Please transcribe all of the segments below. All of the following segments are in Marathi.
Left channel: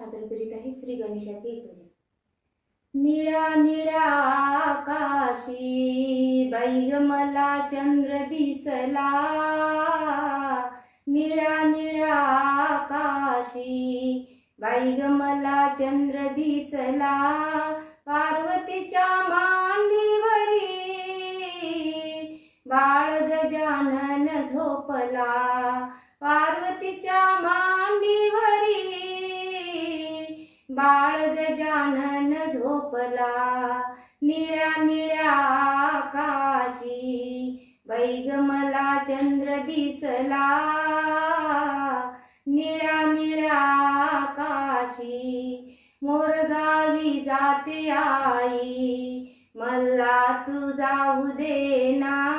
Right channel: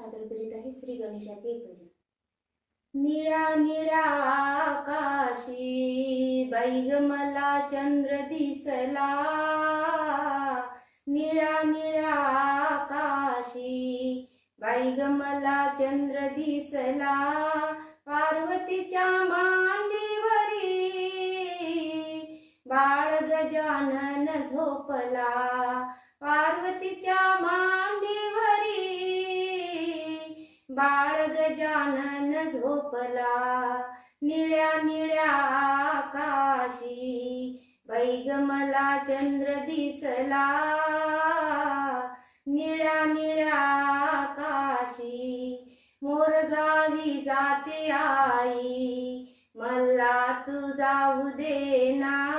सादर करीत आहे श्री गणेशाचे एक भजन निळा निळ्या आकाशी बाई मला चंद्र दिसला. निळा निळा आकाशी बाई मला चंद्र दिसला. पार्वतीच्या मांडीवरी बाळ गजानन झोपला. पार्वतीच्या बाळ गजानन झोपला. निळ्या निळ्या आकाशी बैग मला चंद्र दिसला. निळ्या निळ्या आकाशी मोरगावी जाते आई. मला तू जाऊ दे ना.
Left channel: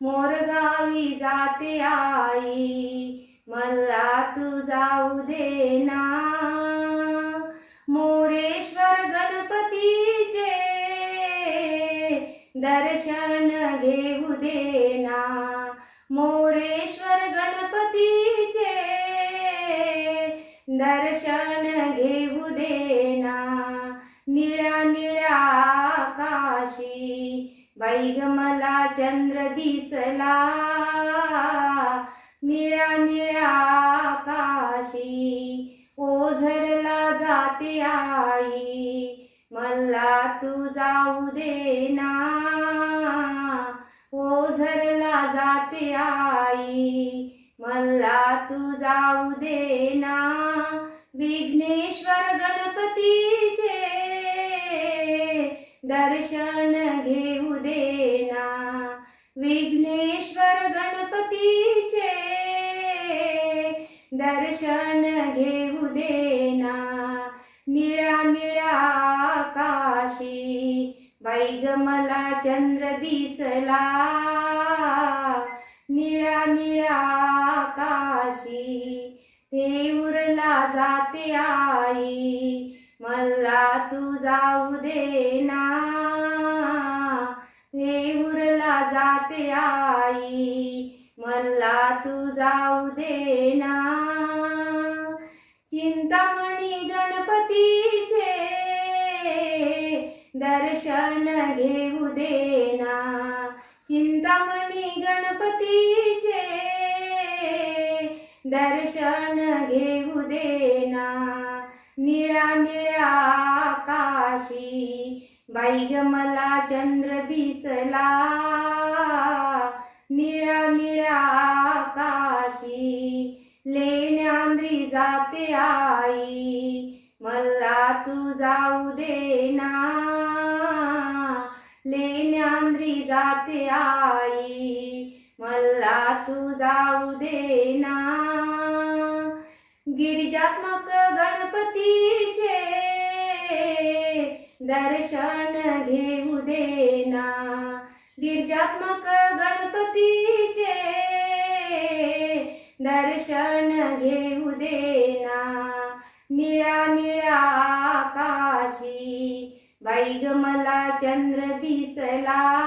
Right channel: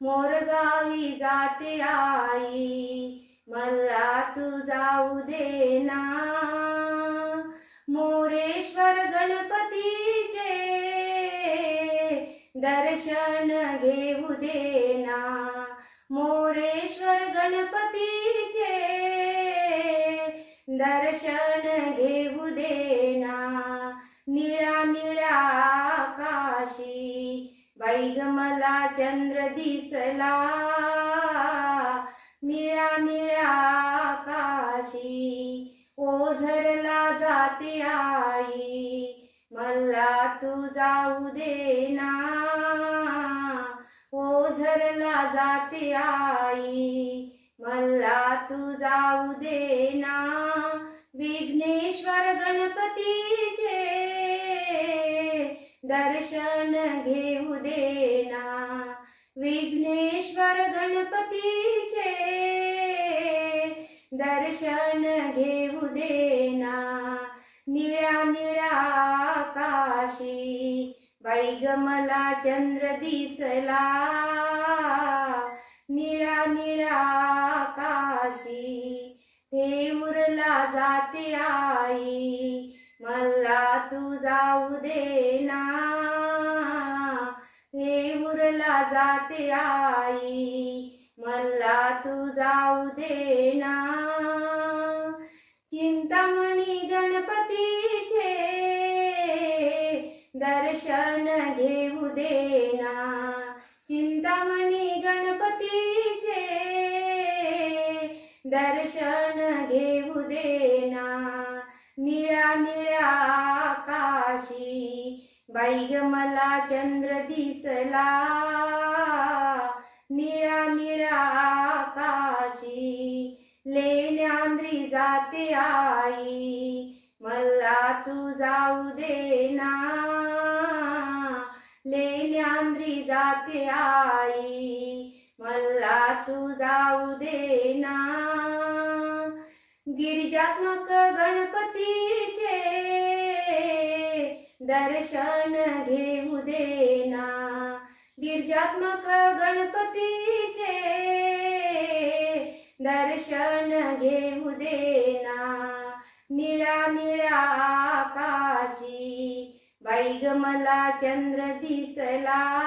मोरगावी जाते आई. मला तू जाऊ दे ना. दर्शन घेऊ देना. मोरेश्वर गणपतीचे दर्शन घेऊ देना. निळ्या निळ्या आकाशी बाई मला चंद्र दिसला. निळ्या निळ्या आकाशी ओझरला जाते आई. मला तू जाऊ देना. ना जाते आई. मला तू जाऊ देना विघ्नेश्वर गणपतीचे दर्शन घेऊ देना विघ्नेश्वर गणपतीचे दर्शन घेऊ देना निळ ग मला चंद्र दिसला. निळा निळा आकाशी ते उरला जाते आई. मला तू जाऊ दे ना. हे उरला जाते आई. मला तू जाऊ दे ना. दर्शन घेऊ देना. चिंतामणी गणपतीचे दर्शन घेऊ देना. निळा निळ्या निळ्या आकाशी बाईग मला चंद्र दिसला. लेण्यांद्री आई मला तू जाऊ दे ना. गिरिजात्मक गणपतीचे दर्शन घेऊ दे ना. गिरिजात्मक गणपतीचे दर्शन घेऊ दे ना. निळ्या निळ्या बाई ग मला चंद्र दिसला.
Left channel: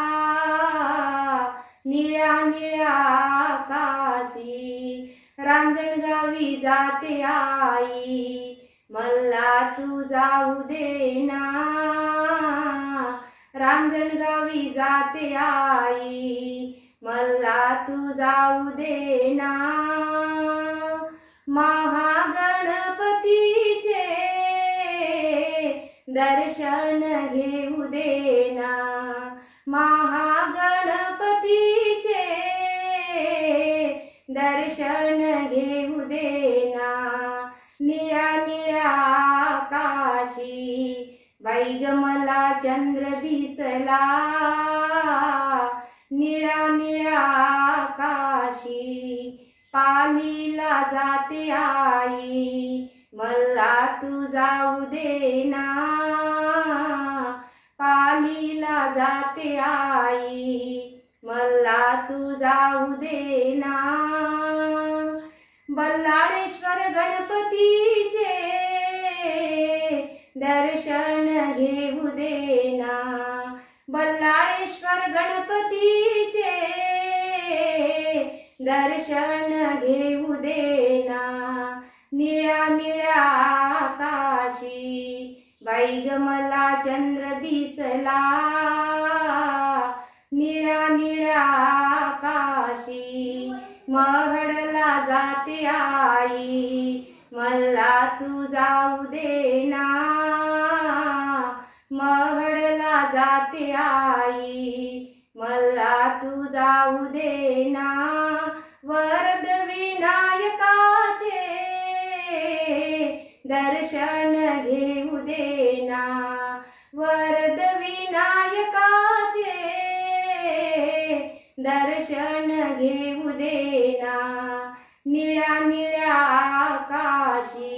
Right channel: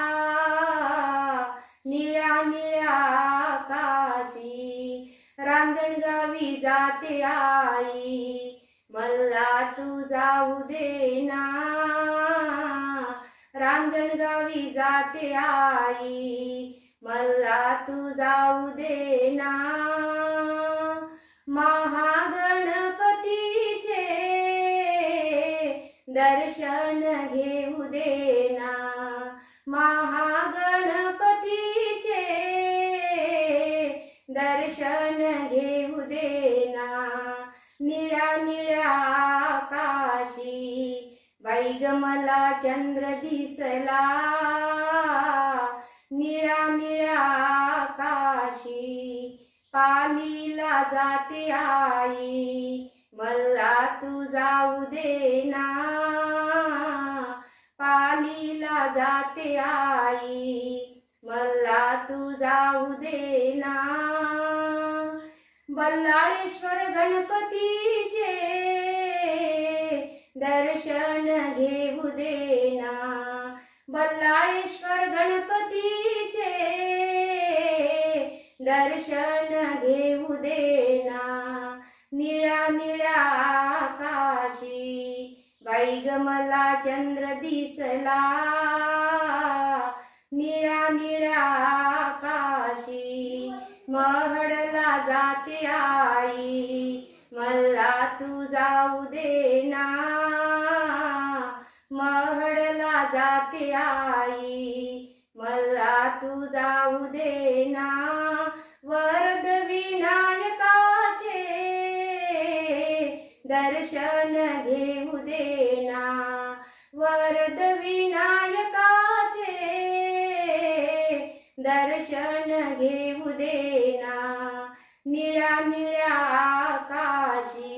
निळ्या निळ्या आकाशी रांजणगावी जाते आई. मला तू जाऊ दे ना. रांजणगावी जाते आई. मला तू जाऊ दे ना. महागणपतीचे दर्शन घेऊ देना महागणपतीचे. दर्शन घेऊ देना निळ्या निळ्या आकाशी. बाई मला चंद्र दिसला. निळ्या निळ्या आकाशी. पालीला जाते आई. मला तू जाऊ दे जाते आई मला तू जाऊ दे ना. बल्लाळेश्वर गणपतीचे दर्शन घेऊ दे ना. बल्लाळेश्वर गणपतीचे दर्शन घेऊ दे ना. निळ्या निळ्या आकाशी बाई ग मला चंद्र दिसला. या निळ्या आकाशी महडला जाते आई. मला तू जाऊ दे ना. महडला जाते आई. मला तू जाऊ दे ना. दर्शन घेऊ देना निळ्या निळ्या आकाशी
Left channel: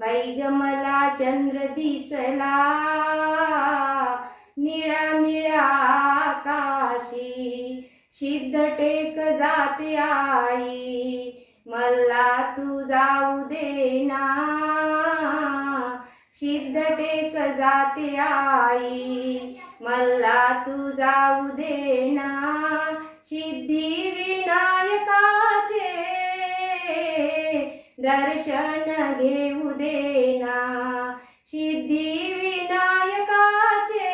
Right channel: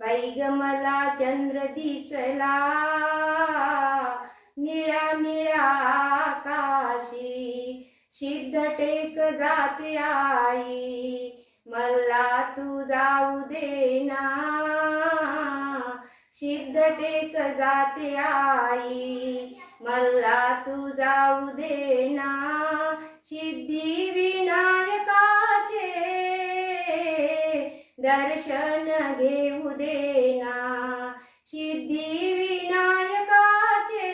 बाईग ग मला चंद्र दिसला. निळ्या निळ्या आकाशी सिद्ध टेक जाते आई. मला तू जाऊ देना सिद्ध टेक जाते आई. मला तू जाऊ दे ना. सिद्धी विनायकाचे दर्शन घेऊ देना सिद्धी विनायकाचे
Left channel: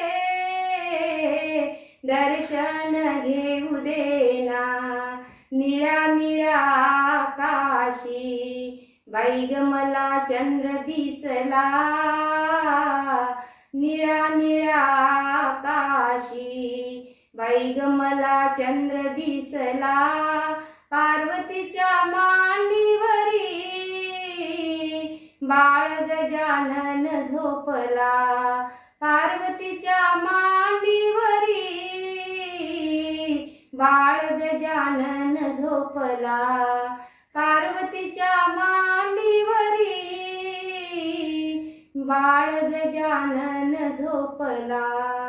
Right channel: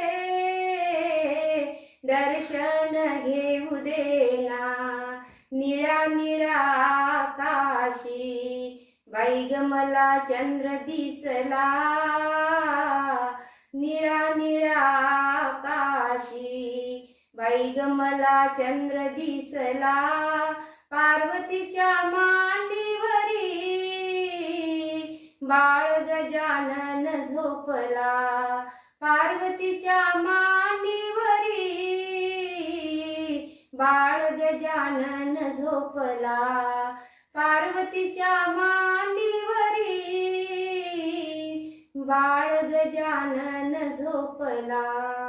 दर्शन घेऊ देना निळा निळा निळ्या आकाशी मला चंद्र दिसला. निळा निळा आकाशी बाई ग मला चंद्र दिसला पार्वतीच्या मांडीवरी. बाळ गजानन झोपला पार्वतीच्या मांडीवरी. बाळ गजानन झोपला पार्वतीच्या मांडीवरी. बाळ गजानन झोपला.